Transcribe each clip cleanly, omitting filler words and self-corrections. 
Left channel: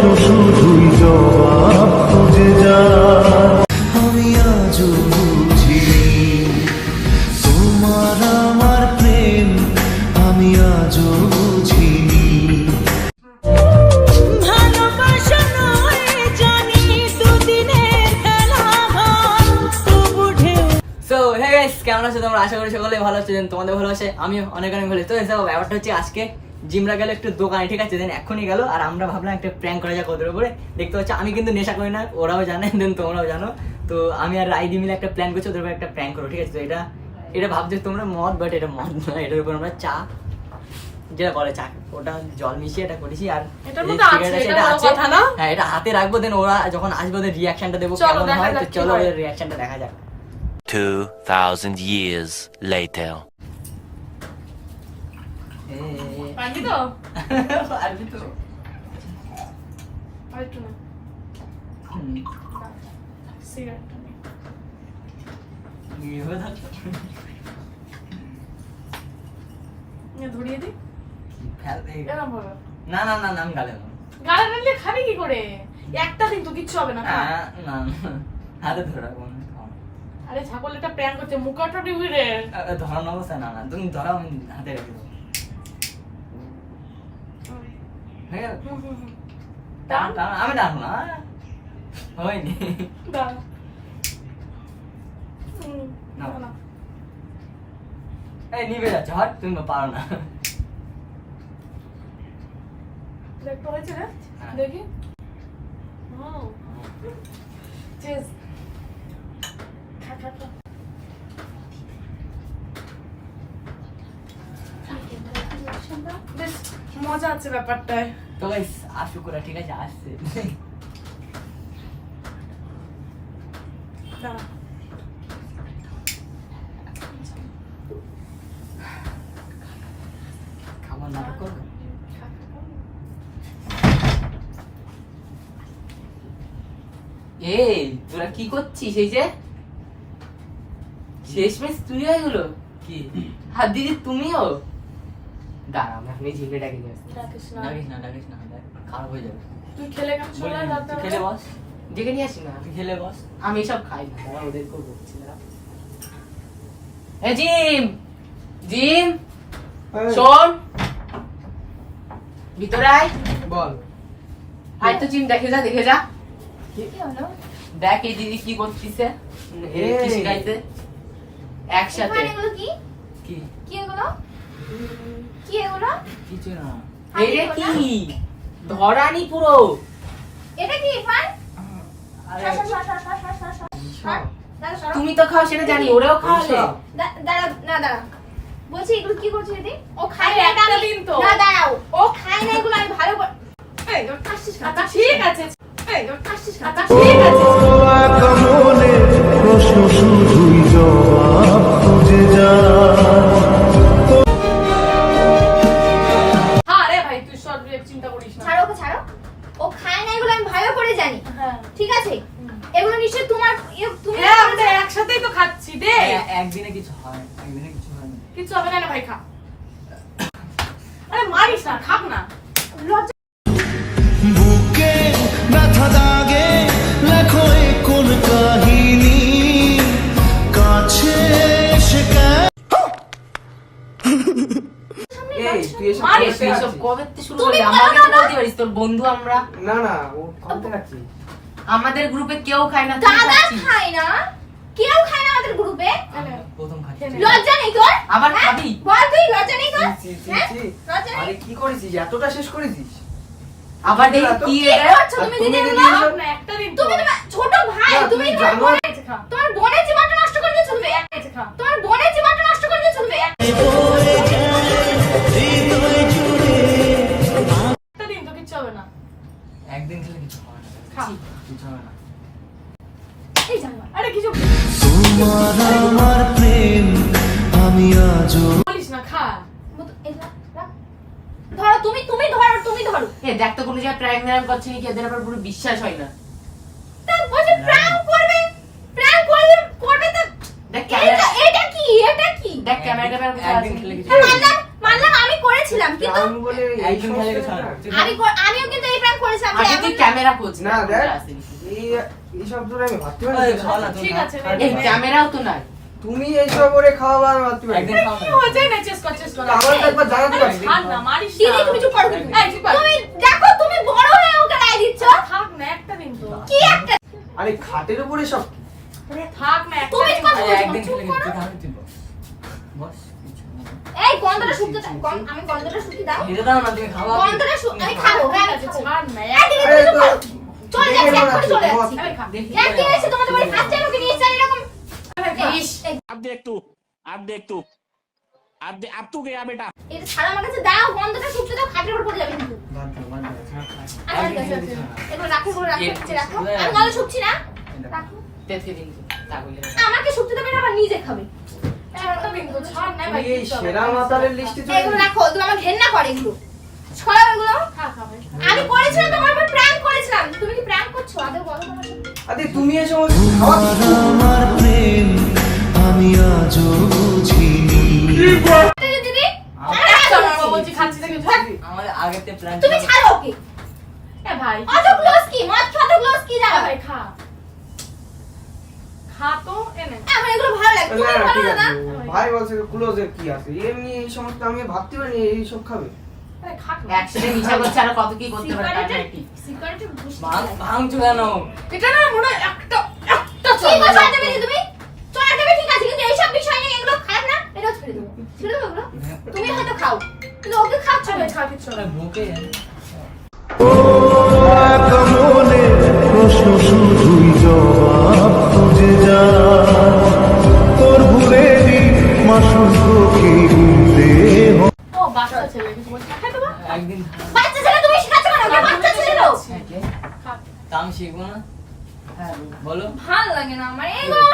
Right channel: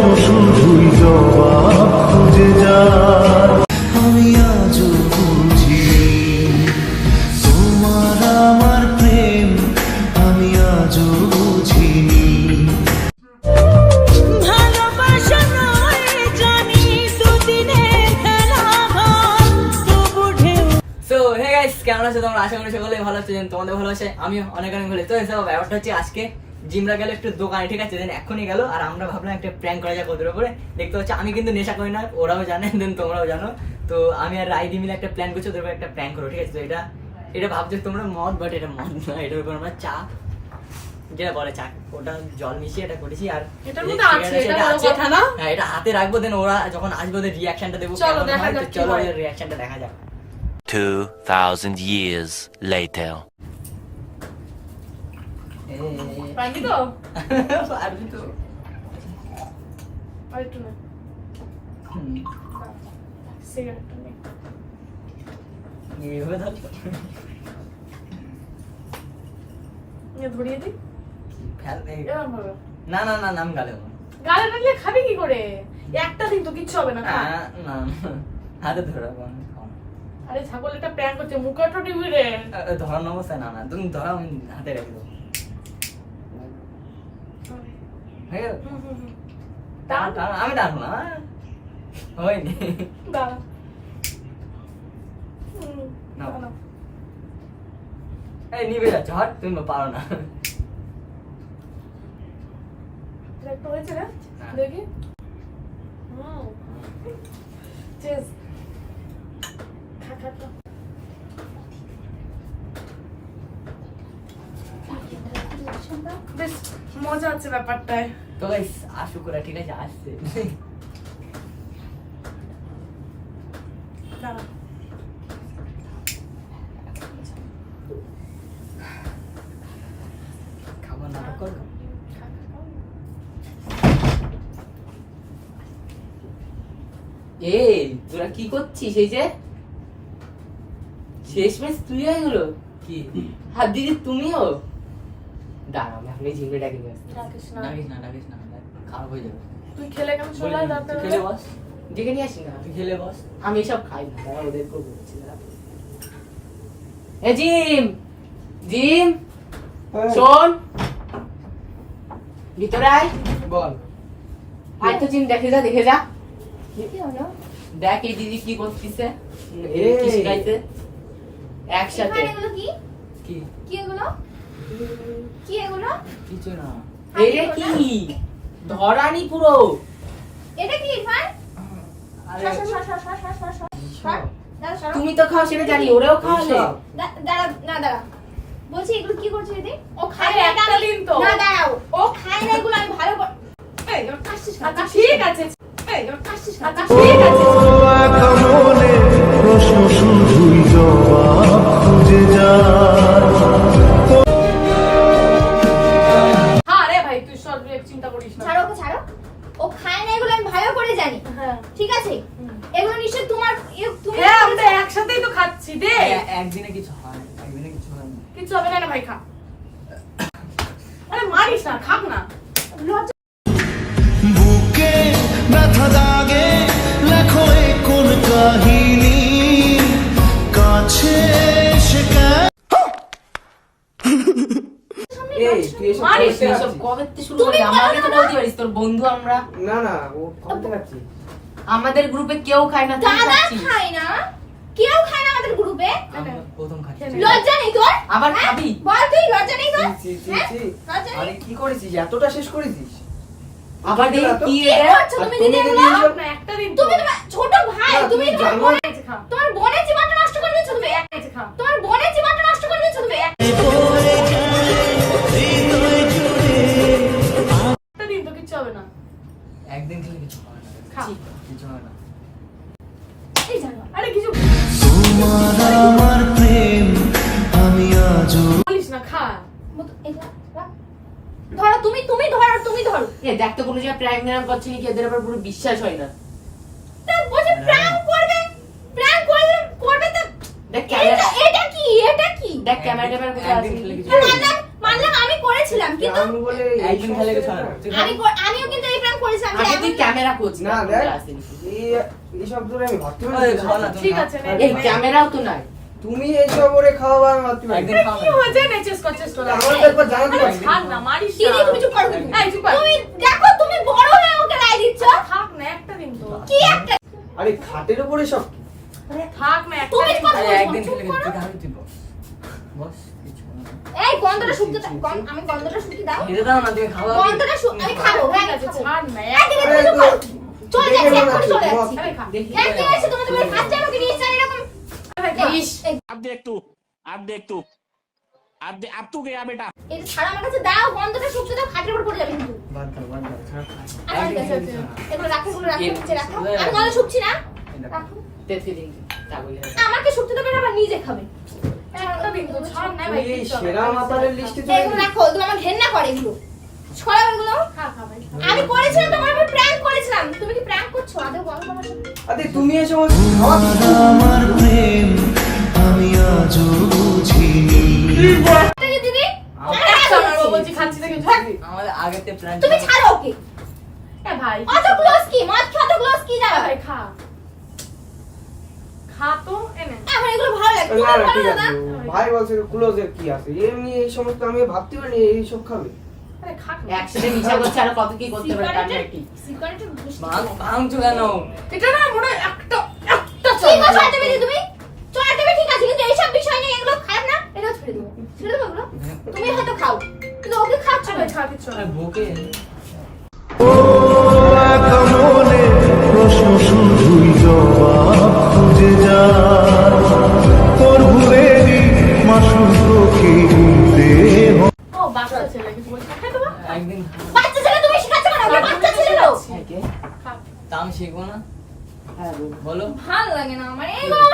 প্রশ্ন শুধুই জবাব খুঁজে যায়। আমি আজও বুঝিনি তোমার আমার প্রেম, আমি আজও বুঝিনি। ভালোবাসা নয় জানি দুদিনের খেলা তবু ঢেউ। সো হে গাইস, কেমন আছো তোমরা? আশা করি সকলে ভালো আছো। তোমাদের ভালো আছে, আমি অনেক অনেক ভালো। তো ব্যাপারটা হচ্ছে আজকে জিমরা গেল একটু দোকানে, ঠিক আছে? দেন এখনই গেল আর আমরা ভাবলাম একটা প্র্যাঙ্ক করা যাক ওদের উপরে। দেখতে পাচ্ছি আমি কিন্তু নেশা করি না, ওরাও জানে, দেন তোমরাও জানো। তো আমি আর রাইদি মিলে একটা প্ল্যান করছি ওদের উপরে একটা প্র্যাঙ্ক করো, ঠিক আছে? তো এটা ভাবছো তোমরা মদ, বাট এটা মদ নয়। এটার উপর আমরা চা, যেটা বলে চা, ওটা জল মিশিয়ে এটা করেছি। আর এটার মধ্যে আছে, এটা বড় কথা না? হ্যাঁ, এটা হাতে রাখবো, দেন ওরা যখন আসবে ওদের রিয়াকশনটা দেবো কেমন হয়। তো চলো ওদের রিয়াকশনটা দেখা যাক। 2000 years later. পারবি তো? পারবি তো? আর একটু না। সিগারেটটা নে। এইভাবে থাকতো। নিয়ে ধরিয়ে দি। ফেল দে। এরকম ভাবে। না না না, নাম গালে না। গালে দিলে খাবি কি করে? একটা দিন তো কিচ্ছু হবে না। খা। না হাতে ধরে রাখবো। আরে ছাগল একটা প্র্যাঙ্ক করছে, মুখটা টিভি রে। ধরানো অবস্থা না না, তুমি ধরাও, আমি হাতে রেখে দেবো। হয়ে গেল? আমি টানবো না, হয়নি। দাঁড়া। নাও। না। এই নিবে যাচ্ছে, হট, তুমি তো পারো না। একটু হয়েছে রে? হ্যাঁ। দেখি। চেস। খা খা খা। বেশ মজা আছে ব্যাপারটায়। তো গাইস, আশু করা, ঠিক আছে? আসছে। দাঁড়া। খাবার নাটক করবো। খা, খা, খা। এই তোরা কি করছিস? এই যে শেষমেশ তুই হয়ে গেলো কি? হাত দিদি তুমিও দাঁড়া, আমি ঝিমে ডাকি নিয়ে আসছি। ডাকিস না। ডাকিস না, ডাকিস না, খারাপ হয়ে যাবে। তুই খেলে কেন চলে বলিনি, যাতে তুই খেলে বস, ডেকে নিয়ে আসি না, তুই খেলে বস। আমি এসব খাই না, দাঁড়া ওদের করবো। এ জিম, জিম শোন, ভিতরে আয়। বল। আয় তো জিম, দেখে যা, দেখে যা। কি হলো? দেখ এই দিদি কি করতেছে, এই। কি শিখাইতে একসাথে। এগুলো কি? কি? কি এগুলো? কি এগুলো? কিছু না। এটা কি ধরানি পুরো? এটা কি ইরফান? আরে সর, সর, সর, সর, সর, সর, সর, সর। দাঁড়া, সরো। তুমি তো খাও সেটা জানি, ওরাও খাওয়ালে। দাঁড়া, না দাঁড়া। বলছি এগুলো কি করছিস দিদি? ও খায় আরে না, একটা আমি- দিন তো। না দাঁড়াও, ও খায় না এগুলো, আমি ভালো করে। এই কাশছিস কেন? আচ্ছা ঠিক আছে। এই কাশছিস কেন? আচ্ছা ঠিক আছে। একা মনে প্রশ্ন শুধুই জবাব খুঁজে যায়। হ্যাঁ রে ভাই, তুই সব চিন্তা করিস না। ছাড়ো ওকে, ছাড়ো। ও খায় না এগুলো, আমি ভালো করে জানি। হ্যাঁ। ঠিক আছে? এগুলো নিশ্চয় তোমার তুমি হ্যাঁ, আমরা একসাথেই তো খাচ্ছি দে। একদিনে কিছু হয়, একদিনে কিছু হয় না। কিছু হবে না রে ভাই, খা। আরে মারিস না, খাক না। লজ্জা বুকে ব্যথা দাগে লেখো এ কোন কাহিনী, কাছে এসে এই তুই এসব মারিস তুই না। এসব কবে থেকে শুরু করলি? আমাকে তো বলতে পারিস, তোর বন্ধু আমরা। না না, ও খাওয়াতে খাচ্ছি। আমাদের গ্রুপে কেউ খায় না, তুই দাদা খাচ্ছিস। খায় না, কেউ খায় না আমাদের গ্রুপে। আমি প্রথম খাচ্ছি। লজ্জা নেই তোর? আবার হ্যাঁ? খাবি? বল তুই, লজ্জা নেই তোর? ছি, ছি, হ্যাঁ? ছি। লজ্জা নেই? আরে কি করেছিস? এতটা শেষ করেছিস? আবার দেখি কি কি এটা? করছো তুমি তুমি দিদি দিদি এগুলো? এগুলো- না, একটা দিন তো। তুমি তোমার ছোট ভাই, না, তুমি তুমি তোমার জানো- বোনের- এই যে খা। তোমার বোনের জীবনটা নষ্ট করে দিচ্ছ তুমি। এই যে খা। তোমার বোনের জীবনটা নষ্ট করে দিচ্ছ তুমি। একটা দিন তো কিচ্ছু হবে না। একদিন খেলে কিছু হবে না। খা। কিছু হবে না। এই জানো। আরে কিছু তোমার আমার প্রেম, আমি আজও বলিস না, খা। ধরো তুমি, তুমি ধরো, তুমি ধরো। এ দেখ তো কোনো জায়গায় প্র্যাঙ্ক ম্যাঙ্ক করছে কি, এদের আবার পুরো বিশ্বাস হয় না। তা বলছে প্র্যাঙ্ক করবে, প্র্যাঙ্ক করবে, করবে তো। দেখ ক্যামেরা, এটা কি? এটা কি? দেখ ক্যামেরা ট্যামেরা কোথায় আছে একদিন খেলে নাকি? কিছু হবে না। মানলাম, মানলাম আমি করেছি, করেছিলাম কিন্তু আমি বলে একদিন খেলে কিছু হয় না। আমিও কিন্তু এই প্র্যাঙ্ক করেছিলাম আগে তুই ক্যামেরা খোঁজ না দেখ এই সব ধরে আমি ভাবতে পারি ওই না। খাও না তুমি ঠিক খাও। আছে এই ক্যামেরাও তো নাই। তুমি এইসব করে খাওয়াবা আমি ভাবতে পারি একদিন না। খাও কি না। হয়েছে না চেস কর আমার তো একবার জানাতে আরে পারি ছাড় না মারিস না দিদি তুমি চুপ করো কিন্তু। এই চুপ কর তুমি দেখো তুমি বড় হয়ে ওকে রায় দিচ্ছ থাক না একটা দিন তো কি একটা আরে খাটের উপরে সব কি? থাক না একটা তুমি দিন। কথা আরে বলছো, একদিন চুপ খেলে করো। তুই খাবি তুই বস। বস কিছু হবে না। এই গন্ধটা শুকতে আমি গন্ধটা শুকিয়ে দাও খেতে দাও না তুমি খাওয়া গন্ধটা আমি খাবো হ্যাঁ ঠিক আছে ছাড় না এই দিদি আরে তুমি তো চলে দেখে যাচ্ছি মনে এখন চলে হচ্ছে যাচ্ছি আরে খা দেখি এক কি হয়েছে তোমাদের বাড়ি ফার্স্ট টাইম ওকে নিয়ে এসেছেন এরকম ইস अब देख तू अब तू गया बेटा এটা ছাড়া আমার কাছে দাও গন্ধটা শুকতে দাও খাটের উপর পড়ে যাবে কিন্তু বাদ দাও, বাদ দাও। আমার কাছে আছে। এগুলো রাখো এগুলো রাখো নিচে রাখো আমি গন্ধ শুকছি না রাখো তেতে দিন তা বলি আমাকে শুকতে দেবে না আবার নিজে খাবে একটা দিন তো ছাড় না ভাই তুই এই সেরা মাতালের লিস্টে চলে এগুলো রাখো তুমি আমার ঘেন্না করে এগুলো ছড়াও এগুলো খা খা ভাই আমি করেছিলাম তোমার উপর প্র্যাঙ্ক করেছিলাম তুমি কি প্র্যাঙ্ক করছো আদৌ বলো না আরে তুমি এই সমস্ত খাওয়া তোমার আমার প্রেম আমি আজও বুঝিনি দিদি একটা না বলছি খাচ্ছি দেখি থাক আমাদের আগেতে প্ল্যান তুমি ছাড়ো ওকে এ ভাই অত ক্লোজ কি মত অত ক্লোজ কি জানো ভাই খা খা তো এনে আমার এগুলো ভালো লাগে না তোমার না ঠিক ভালো আছে না ভাই বলছে ক্লোজের কি আছে এমনি এই সমস্ত আমি ভাবতে পারি এই সব খাবে আরে খা না। একসাথে মিছা করছে আর কত কি করতে পারে তার ঠিক সিগারেটের ভাঙছো কেন এটা না মনে হয় একটা কি কথা দেবে তুমি চড়া দেবে ঠিক আছে কিন্তু এইসব বিষয় নিয়ে এগুলো খারাপ না এটাও ছেড়ে দেবো ছেড়ে দেবো এগুলো তুমি হয়তো খাও কিন্তু ওকে খাচ্ছ না ছাড় কিছু না বুকে এক মনে প্রশ্ন শুধুই জবাব খুঁজে যায় তোর ভুলেরই মাসুল তোকে গুনতে হয় ও বাচ্চা ছেলে কিছু বলছে খাই দেবো একদিন বাচ্চা ছেলে তুমি শেখাচ্ছ না ওকে বাচ্চা ছেলে লো খা তা আমি শিখবো না বলো ভাল লাগে না আমার এগুলো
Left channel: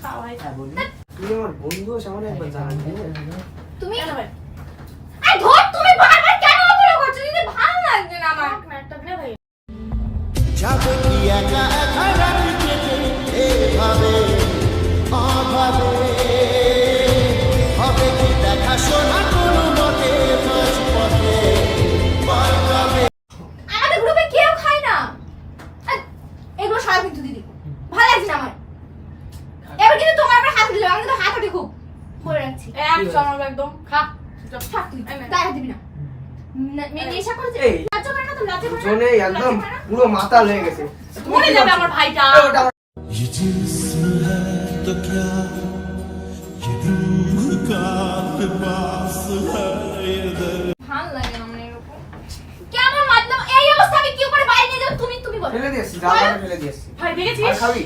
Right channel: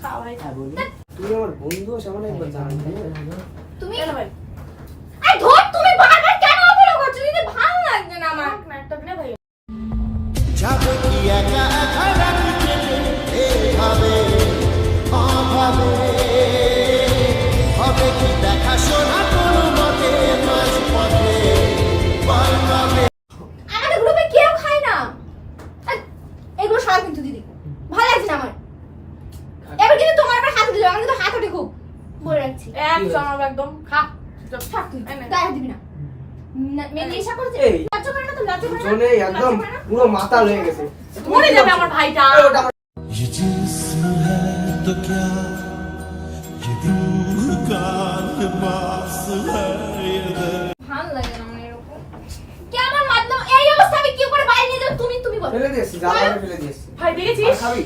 খা ভাই তুই আমার বন্ধু সামনে একবার জানাবি তুমি এনে ভাই আরে ধর তুমি বারবার কেন অবহেলা করছো দিদি ভাল লাগছে না আমার থাক না একটা দিন ভাই যাবে কি একা একা রাখি কেটে এভাবে অভাবে হবে কি দেখাশোনা কোনো মতে মাঝ পথে বল কবে আমাদের গ্রুপে কেউ খায় না আর এগুলো সবাই কিন্তু দিদি ভালো লাগছে না আমার এবার কিন্তু তোমার আবার হাত উঠে যাবে আমি কিন্তু হাত উঠে খুব বলে রাখছি এক জমাবে একদম খা থাক তুই এনে। গায়ে হাত দিবি না মেয়ে নেশা করেছে এই। লজ্জা করে না তো লজ্জা করে না জনে একদম পুরো মাতাল হয়ে গেছে মরে যাবে আমার ভাইটা এই ওটা আমার ये जिस्म है तो क्या ये रूह का लिबास है ये दर्द ভাল লাগে না আমার এরকম কেমন মাধ্যম এই অবস্থা আমি কি করে বাইরে নিয়ে যাবো তুমি বলো ফেলে দিয়েছি জায়গাটা ফেলে দিয়েছি ভাই আর দেখেছিস খাবি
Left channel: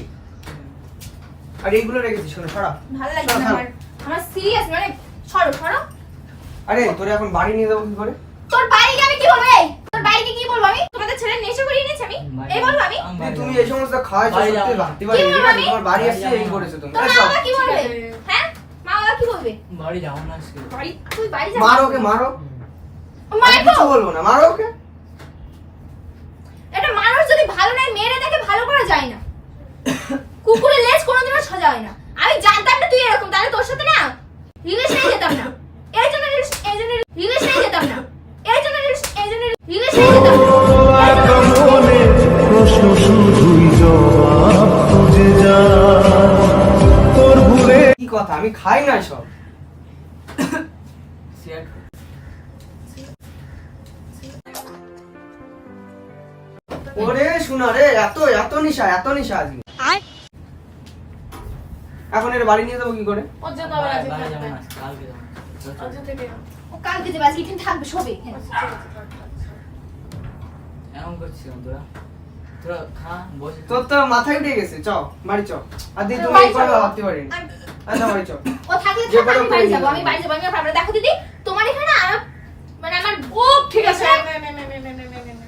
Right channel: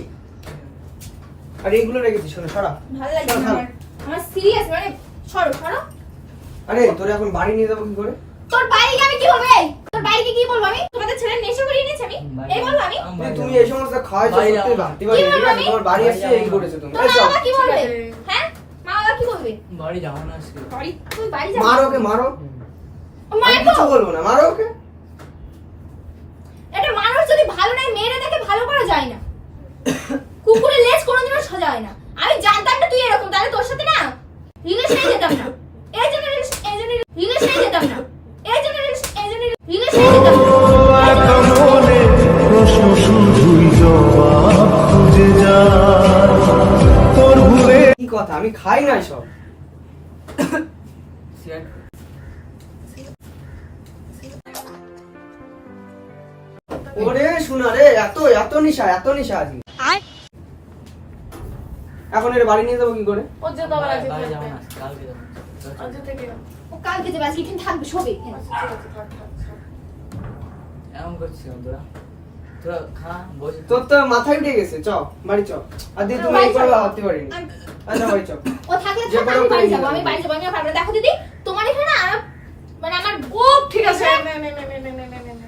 আর এইগুলো রেখেছি শোনো সরা ভাল লাগে না আমার আমার সিরিয়াস মানে সরো সরো আরে তোরে এখন বাড়ি নিয়ে যাবো কি করে তোর বাড়িকে আমি কি বলবো এই তোর বাড়িকে কি বলবো আমি তোমাদের ছেলে নেশা করিয়ে নিয়েছি আমি এই বলবো আমি তুমি এই সমস্ত খাওয়াই বাড়ি সত্যি যাবো না। ভাবতে পারি কি বলবো ঠিক আছে আমি? তোমার বাড়ি এসে এই করেছো তুমি তোর এই মা চল। বাবা কি বলবে ঠিক আছে। হ্যাঁ মা বাবা কি বলবে বাড়ি যাবো না আজকে বাড়ি তুই বাড়ি যা মারো ওকে মারো আমি মারো কিছু বলবো না মারো ওকে একটা মানুষ যদি ভালো নাই মেরে দেখে ভালো করা যায় না কুকুরের লেজ কোনোদিনও সোজা হয় না আমি জানতাম না তুই এরকম তাহলে তোর সাথে না রিলেশনে যেতাম না এই জন্য রিলেশনে যেতাম না এই জন্য রিলেশনে যেতাম না এক মনে প্রশ্ন শুধুই জবাব খুঁজে যায় তোর ভুলে কি কথা আমি খাই না সব সিগারেট ওরে শোনা রে এত এত নিশা আজকে এখন এর বাড়ি নিয়ে যাবো কি করে ও যেতে আবার আছে বাড়ি যাবো না আজকে, কালকে যাবো চল, চল। আজকে থেকে ও কালকে যাবে আজকে এখানে থাকবে শোবে ঠিক আছে থাক, থাক, থাক। এমন করছিস কেন তোরা তোরা খা বসে তোর তো মাথায় উঠে গেছে চ বাড়ি চ আর দিদি তুমি এই করে ভাবতে পারিনি আচ্ছা বাড়ি চ ও থাকলে যে থাক, আমি কোনো বাড়ি করে যাবো নিয়ে আমি যাবো। বাড়ি যাবো আমি আর পারবো না। দেখো দিদি তোমার এখানে না মানে আমার ও ঠিক আছে নে নে নে নে নে নে নে নে নে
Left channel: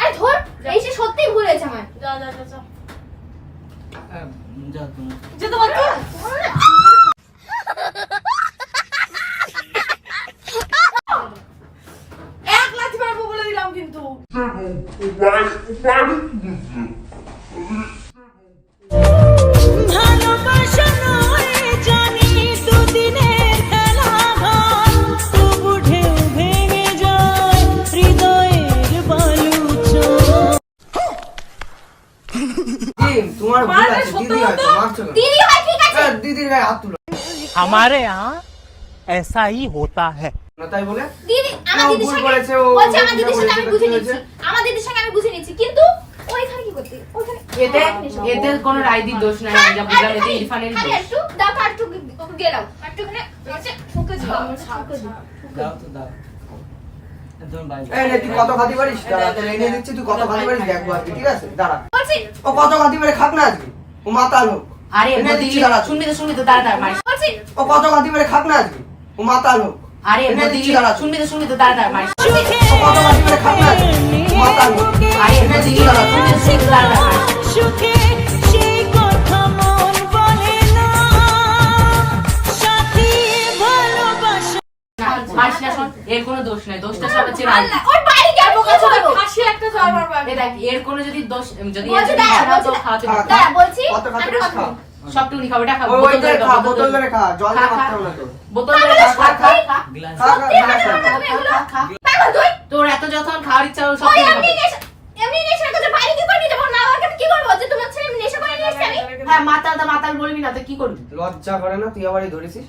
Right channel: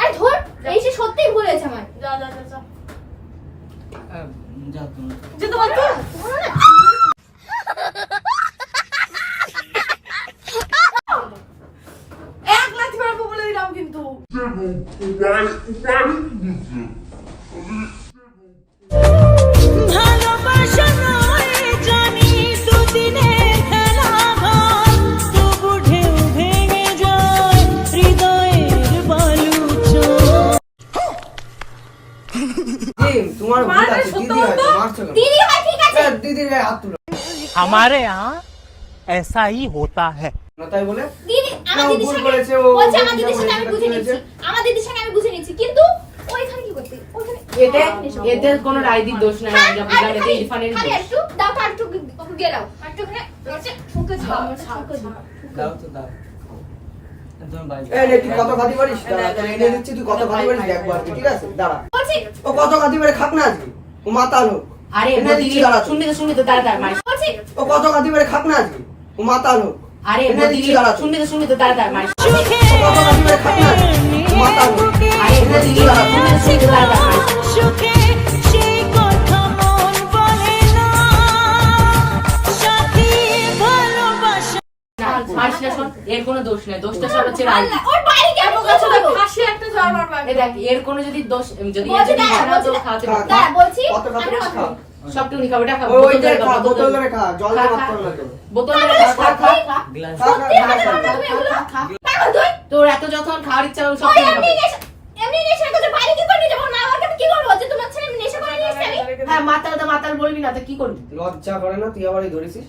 আরে ধর এই সে সত্যিই ভুল হয়েছে আমার যা যা যা যা যা তোমরা যেতে বল তো এক লাথি মারবো বলে দিলাম কিন্তু ভালোবাসা নয় জানি দুদিনের খেলা ঘর তবু ঢেউ ভেঙে তোমার ভুল মারবে আছে, সত্য দিদি হয়তো বলতো? মারছো কেন? দিদি হয় ঠিক আছে দিদির গায়ে হাত তুলো हमारे यहाँ ऐसा ही होता है। না, তাই বলে দিদি আমার না, ও দিদির ভুল সঙ্গে করেছে, ও বলছে আমার যেটা দিদির সঙ্গে আমি বলেছে, বুঝে ঠিক নিচ্ছি আছে। আমার দিদির সঙ্গে আমি বুঝে নিচ্ছি কিন্তু ওইখানে কি করতে ওইখানে এতে এতে কোনো রাইদির দোষ নাই, আমি যা বুঝলাম এতে ইরফানের খালি দোষ। একটু দাও তো একটু গেলাও একটু ওখানে হচ্ছে ঠুকে দিও ঠুকে দিও দাও তো দাও তুমি বাড়ি এই নে, তুই কত খাতি পারিস দাঁড়া, তোর এনে দিচ্ছি, তুই কত খাতি পারিস দেখবো আজকে, ঠিক আছে দাঁড়া। বলছি ও কত খাতি পারে খাক না আজকে, ও মাতাল হোক। আরে এনে দিদি দিচ্ছি, দাঁড়া। শুনবি তো তাড়াতাড়ি মারিস। বলছি ও কত খাতি পারে খাক না আজকে, ও মাতাল হোক। আরে এনে দিদি দিচ্ছি, দাঁড়া। শুনবি তো তাড়াতাড়ি মারিস। সুখে ও কত খাতি পারে খাক না আজকে, ও মাতাল হোক। আরে দিদি শুনবি তো তাড়াতাড়ি মারিস। সুখে সেই কথা মন বলে না সাথী ভালোবাসা মারিস না, শোন, এর কোনো দোষ নেই, দোষটা সব হচ্ছে রাইদি। আল্লাহ, ওর বাড়ি কেন কথা বলবো ফাঁসি একটা জ্বর মারবো এ দেখ, এর কোনো যদি দোষ যদি বলছি এর যদি দাঁড়া, ইচ্ছা না তো বলছি খাওয়াতে দাঁড়া। পারবো। দাঁড়া বলছি কত খাতি আমি পারিস কথা খা। বলবো। সব টুকুনি খাও, এটা খাও, ও বোতল ওইটা ধরে খা, খাও, বোতল ধরে খা, জল খা, দিয়ে খা। মারতে হবে না তো। বোতল ধরে খা, খা, খা, খা। গ্লাস সত্যি কথা বলবো তুমি এগুলো পাগল তুই তোর এত যখন খাওয়ার ইচ্ছা হলো সব ওই কিছু এমনি খাবে। এমনি নেশা করতে বাইরে কি করে নিয়ে যাবো মা বাবাকে আমি কি করবো যে তোমার ছেলে নেশা করে নিয়ে এসেছে আমি হ্যাঁ, মাতাল তো মাতাল বলবি না তো কি করবি? লজ্জা করে না, তুই আবারই ধরেছিস।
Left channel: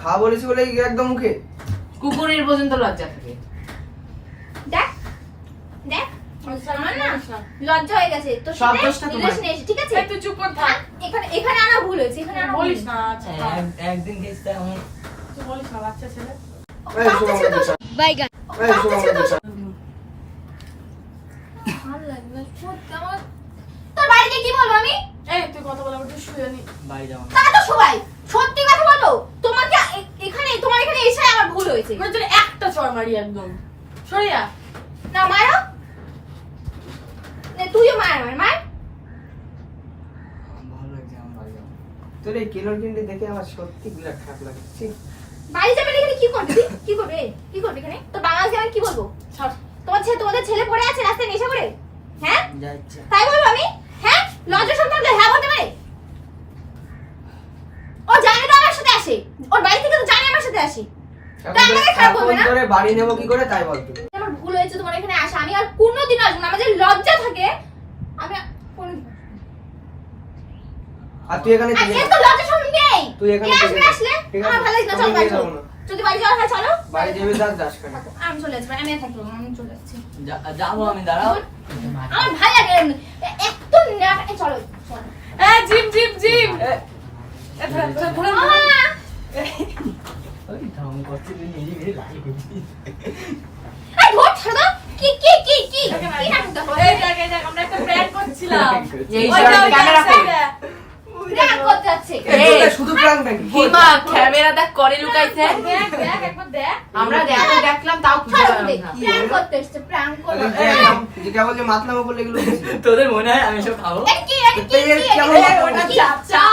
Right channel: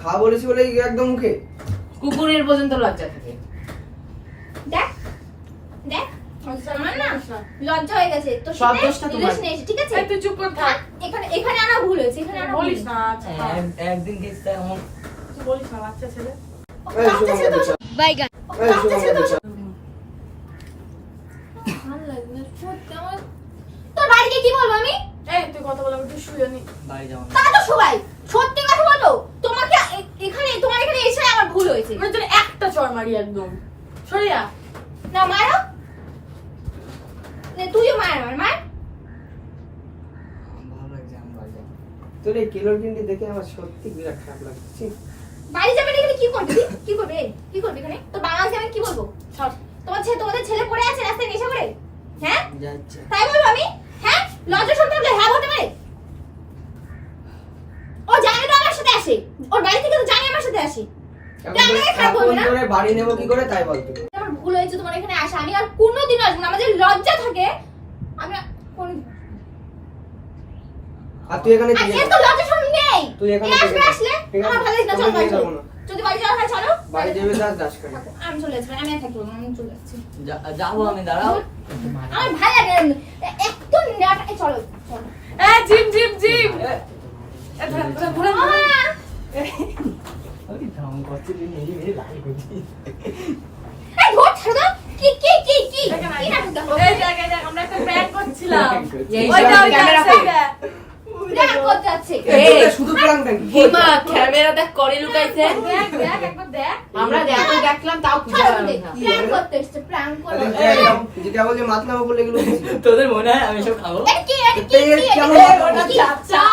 খা বলেছি বলে একদম মুখে। কুকুরের পর্যন্ত লজ্জা থাকে। দেখ দেখ আমার না লজ্জা হয়ে গেছে তোর সব সাথে দোষটা তোমার। রিলেশন এসে ঠিক আছে এই তুই চুপ কর থাক এখানে আনা ভুল হয়েছে এখানে আনা বলিস বলিস না আচ্ছা একদিন গেছি তাই আমার তুই বলিস না বাচ্চা ছেলে এই শোনো আমাদের চল। বাইগান এই শোনো আমাদের চল। ভালো লাগে না সত্যি আমার তোর বাড়িতে কি বলবো আমি এই তুই কথা বলে একটু শুয়ে নি বাড়ি যাবো তা তো সবাই সত্যি কথা বলো তোমাকে এখানে তোমার এখানে এসে আমার ভুল হয়েছে মানে তোর একটা চড় মারি একদম সরিয়া না মারো নে তুইও মার আমার মার ভালো লাগছে আমার বাড়ি যাবো তোর এই কিলোর কিনটি দেখে আমার সত্যি বিরাট খারাপ লাগছে। বাড়ি যাবে না এখানে কি করবি তুই? কি করবে কি করবি এখানে তো বাবা আজকে আমি কি বলবো ছাড় তোমাদের ছেলে পড়ে আছে রাস্তায় নেশা করে হ্যাঁ যা ইচ্ছা তাই বলবো আমি হ্যাঁ লজ্জা শুনতে হলে হ্যাঁ বলতে পারে ও জানে তো আমার সাথে আসে ওর বাড়ি থেকে তো জানে আমার সাথে আসে এখন তা আমাকে খারাপ বলবে এখন না? তোরে বাড়ি নেবো কি করে তাই বলতো। আমার ভুল হয়েছে তোমার এখানে আসা আমি আর কোনোদিন আসবো না আমার যে লজ্জা থাকে আমি আর কোনোদিন আর তুই এখানে আর থেকে এর তো লজ্জা শুন নেই তুই এখানে এ থেকে আসবে যা। আসলে ঠিক আছে? আমার ভালো লাগে না চল তোকে বাড়ি নিয়ে চলো যাবো না। যদি বাড়ি যাওয়া হয় চলো বাড়ি যাবে দাস করে। আমি চলে আসবো আমি আর থাকবো না, আমি চলে আসছি যাবো আমি দাঁড়াও আমার ভালো লাগে না একটু না চলো চলো এই জিম জিম জিম এ ধরে ধরে ধরে মামা ওই ধাম করছে তুই নিজে নিজে লাইক করছিস এই ধর ছাড়ো দাও। কি কি দেখে না, নাটক দেখো এই দেখ এই দেখ আমরা একটা প্র্যাঙ্ক করছিলাম এই ওইটা ওইটা ক্যামেরা সাইডে প্র্যাঙ্ক করতে যাচ্ছে এই, শুধু প্রাণ নাকি? হিমা ক্যামেরাটা করে লুকাইছে। দেখ দেখ একবার দেখ আমরা দেখলাম তাও খুঁজে ছাড়ো পেলাম দে না। প্র্যাঙ্ক করতে এসেছে প্র্যাঙ্ক করতে যেটা বলছে মাতলাম বলে এগুলো বুঝি। তোদের মনে হয় আমি সব খাবো এটা কি কেমন এই, ওটা চা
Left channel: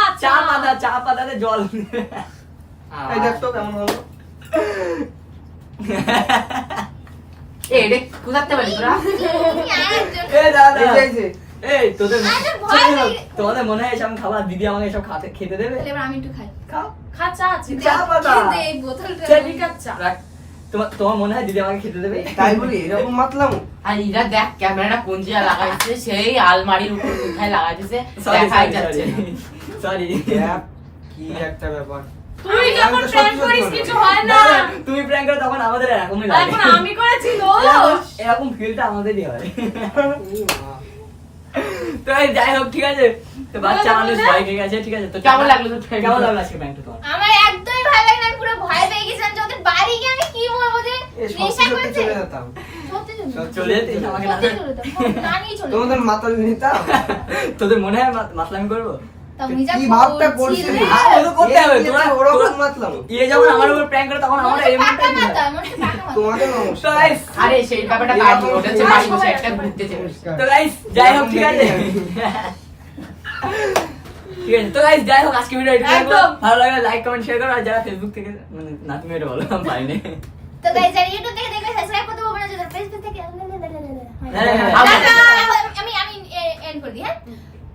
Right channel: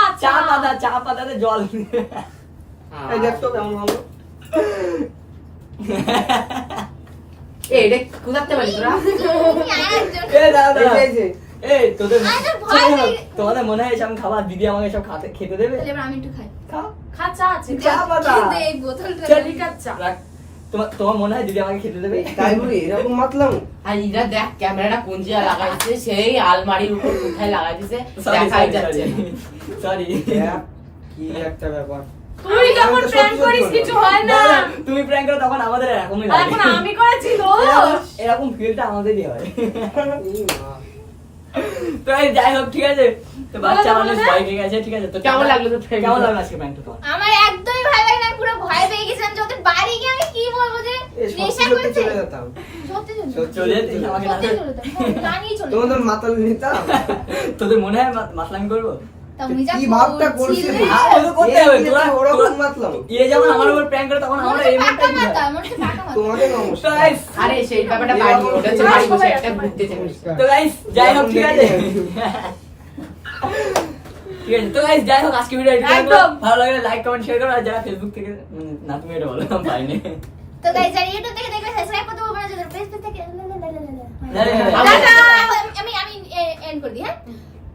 চা পাতাতে জল এই দেখ তো কেমন হলো। এই এটা কোথাতে পারি তোরা? এই দাদা এই যে, এই যে। এই তোদের আরে ভয় চলো, লাগে। তোমাদের মনে হয় এসব খাবার দিদি আমাকে সব খেতে দেবে এবার আমি একটু খাই খাও খা চা আছে চা পাতা দে এই বোতলটা চেলিকার চা রাখ। তোমার মনে হয় দিদি আমাকে খেতে দেবে তাই বলি এরকম মাতলাম। আর এরা দেখ ক্যামেরাটা কোন জায়গায় লাগাইছে, সেই আলমারির উপর কোথায় লাগাইছে Sorry, দেখাই sorry, যাচ্ছে sorry. Sorry. কি একটা ব্যাপার। তুই আমি যখন তো প্র্যাঙ্ক সত্যি করিস বলবো। কিছু হয় না না, তুমি প্র্যাঙ্ক করো তখন আমাদের এরকমই আর লাগে এখন আমি করেছি এরকম ফিলটা আমাদেরই হয় এই মা। তো এই যাই হোক ঠিক আছে তো বাচ্চা বলো, মানুষ বলো। ভয় পেয়ে গেছে ঠিক আছে তো কেমন লাগলো তোর prank? কেমন লাগলো আজকে প্র্যাঙ্কটা তোমার আমার একদমই ভালো লাগে না আমি পুরো ভয় পেয়ে গেছিলাম যে ওদের বাড়ি গিয়ে আমি কি বলবো যে এই নেশা সত্যি সত্যি করেছে চলে যেতাম। সত্যি চলে যেতে আমাকে সত্যি না- চলে যেতাম না নিয়ে চলে তোমাদের মাতাল নিতাম। তোদের মনে হয় মাতলামি করবো তা আমি যা কি ভাবটা করছিলে? করছিলে। আর ওগুলো করতে হবে এই তোমরা ওরকম মাতলাম। ইয়ে যখন আমার উপর প্র্যাঙ্ক করে তখন আমার মনে হচ্ছে এমনটাই পাকা মাথা, মনে হচ্ছে পাকা মাথা। তোমাদের তো নমস্কার। guys, আরে সেই ব্যাপারটা বাড়ি ওটা হচ্ছে বাড়ি বসে একটা ঘুরতে চলেছে। তো গাইস যাই হোক ঠিক আছে ঠিক আছে তো গাইস যাই হোক আজকে ভিডিও একদম। ভালো লাগলে লাইক কমেন্ট শেয়ার করো আর যারা ফেসবুক থেকে মানে না তুমি এটা বলো আমি পাইনি তো গাইস যারা ইউটিউব থেকে দেখবে সাবস্ক্রাইব করতে ভুলবেন না যারা ফেসবুক থেকে টাটা। আমি এন্ড করে দিই হ্যাঁ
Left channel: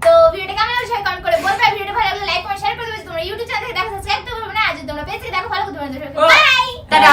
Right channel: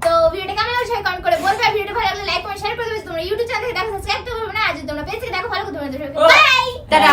তো ভিডিওটা কেমন লাগলো সেটা কমেন্ট করে বলবে আর ভিডিওটা ভালো লাগলে লাইক কমেন্ট শেয়ার করে দেবে তোমরা ইউটিউব চ্যানেল থেকে দেখো সাবস্ক্রাইব করতে ভুলবে না আর যদি তোমরা পেজ থেকে দেখো ফলো করতে ভুলবে না বাই টাটা।